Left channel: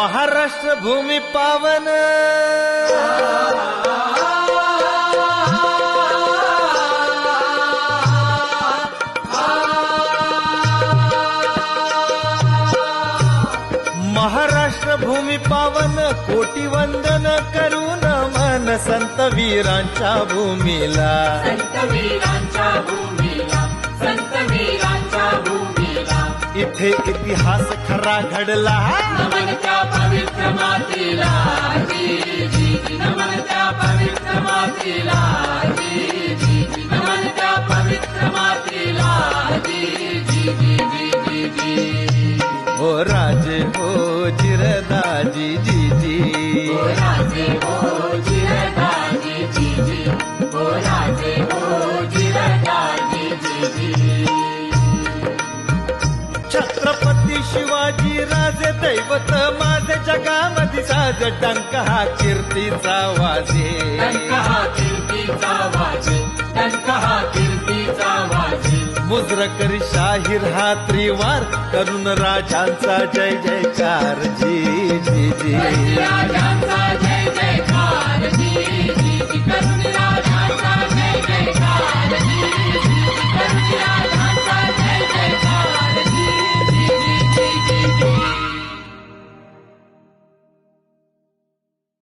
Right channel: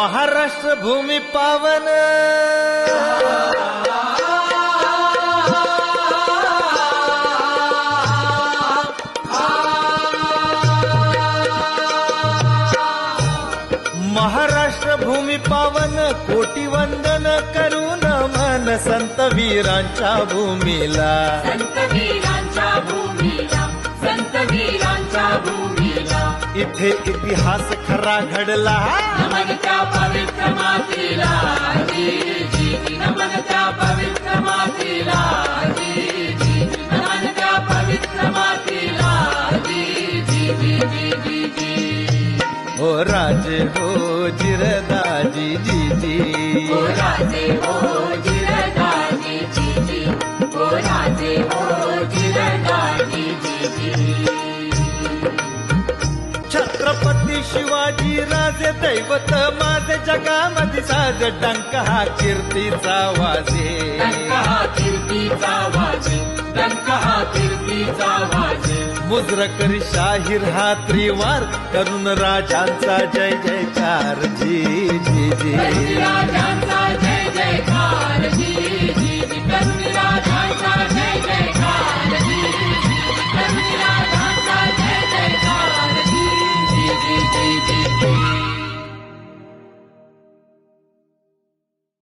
महाराष्ट्र भूमी पावन महाराष्ट्र भूमी पावन कोटी वंदन करून मन संत वीरांच्या भूमीला इथे इतिहास खरा घडला नमन त्या पवित्र मातीला नमन त्या पवित्र मातीला नमन त्या पवित्र मातीला हो राजे हो जिरदाजी जी ओ राजे हो जिरदाजी जी ओ राजे हो जिरदाजी जी छत्रपती शिवाजी राजे दैवत माझे जगामध्ये साज डंक हा कीर्तीचा वाजे कीर्तीचा वाजे डंका कीर्तीचा वाजे मुजरकरी शाहीर हा त्रिवार करून राजांचा जय जयकार जी जी जी राजांचा